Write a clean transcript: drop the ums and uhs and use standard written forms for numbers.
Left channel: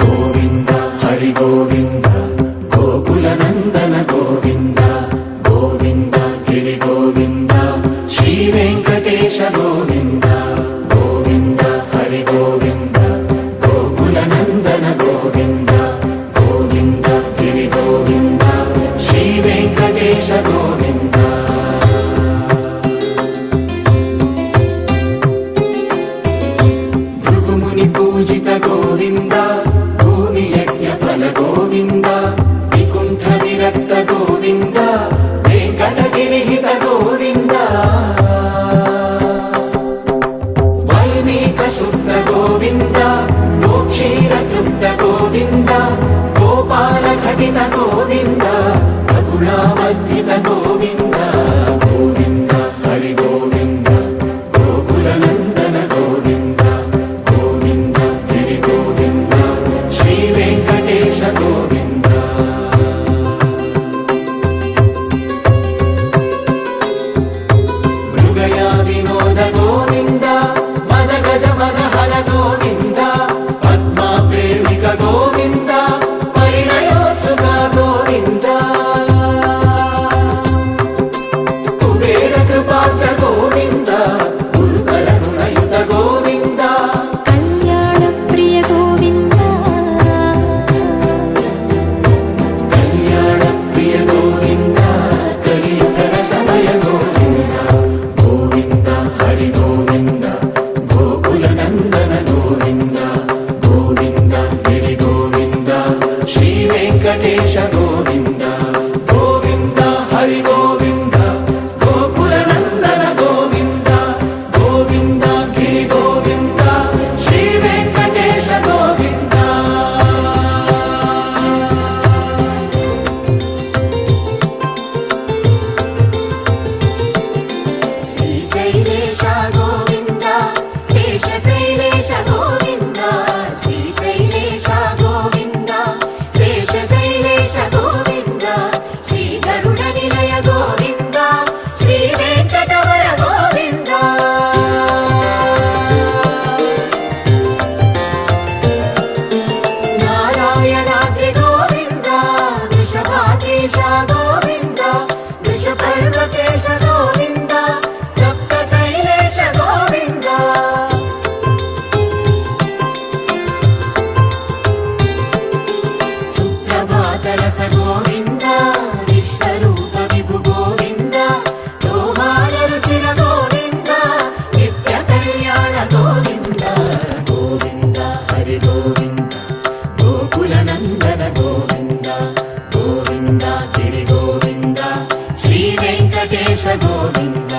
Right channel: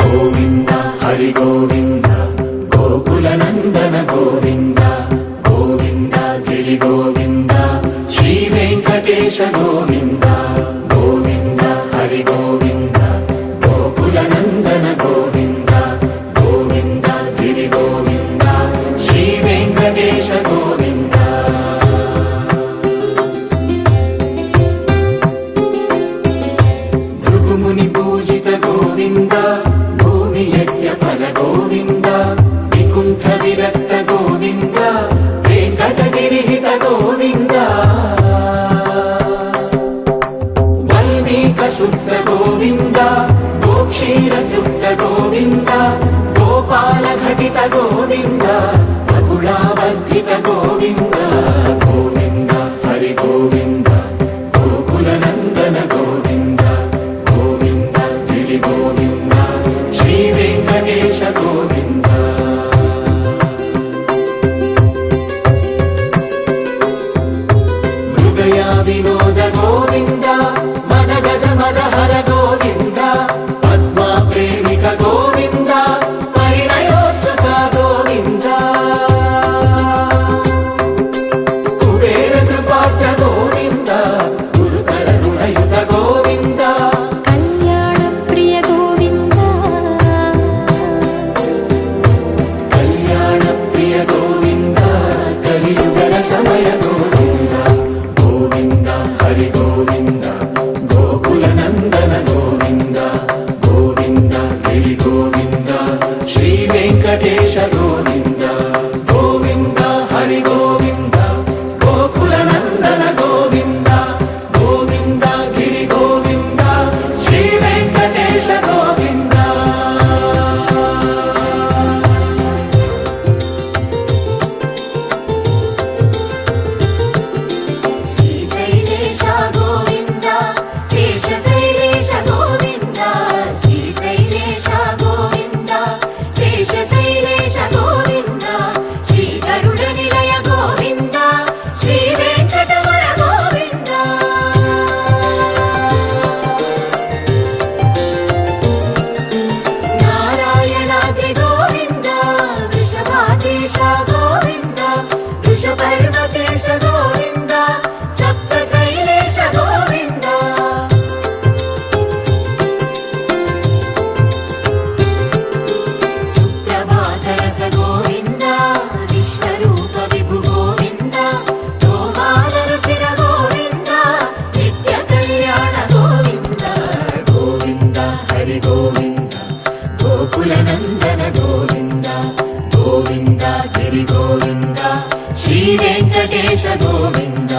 గోవింద హరి గోవింద గోకుల నందన గోవింద గోవింద గిరి గోవింద శ్రీ వెంకటేశ గోవింద గోవింద హరి గోవింద గోకుల నందన గోవింద గోవింద గిరి గోవింద శ్రీ వెంకటేశ గోవింద భృగుముని పూజిత గోవింద భూమి యజ్ఞ ఫల గోవింద వికుంఠ విరక్త గోవింద వెంకటగిరిహిత గోవింద వల్మీక శుద్ధ గోవింద గోక్షీర తృప్త గోవింద గోపాల ఘటిత గోవింద బహుళావర్ధిత గోవింద గోవింద హరి గోవింద గోకుల నందన గోవింద గోవింద గిరి గోవింద శ్రీ వెంకటేశ గోవింద మృగయ వినోద గోవింద మద గజ మదహర గోవింద పద్మా ప్రేమిక గోవింద పరిణయోత్సుక గోవింద కుబేర కృపాత్ర గోవింద గురుతర రుణయుత గోవింద కళ్యాణ ప్రియ గోవింద కళ్యాణ ప్రియ గోవింద కలియుగర సమయ గోవింద గోవింద హరి గోవింద గోకుల నందన గోవింద గోవింద గిరి గోవింద శ్రీ వెంకటేశ గోవింద గోవింద హరి గోవింద గోకుల నందన గోవింద గోవింద గిరి గోవింద శ్రీ వెంకటేశ గోవింద శ్రీశైలేశ గోవింద శేషశైలేశ గోవింద శ్రీశైలేశ గోవింద శేషశైలేశ గోవింద శ్రీ గరుడ నిలయ గోవింద శ్రీ వెంకటవర గోవింద నారాయణాద్రి గోవింద వృషభాదేశ గోవింద వృషపర్వతేశ గోవింద సప్తశైలేశ గోవింద సుప్రభాతరస గోవింద విశ్వరూప విభు గోవింద గోమాల రుచిన గోవింద నిత్య కళ్యాణ గోవింద గోవింద హరి గోవింద గోకుల నందన గోవింద గోవింద గిరి గోవింద శ్రీ వెంకటేశ గోవింద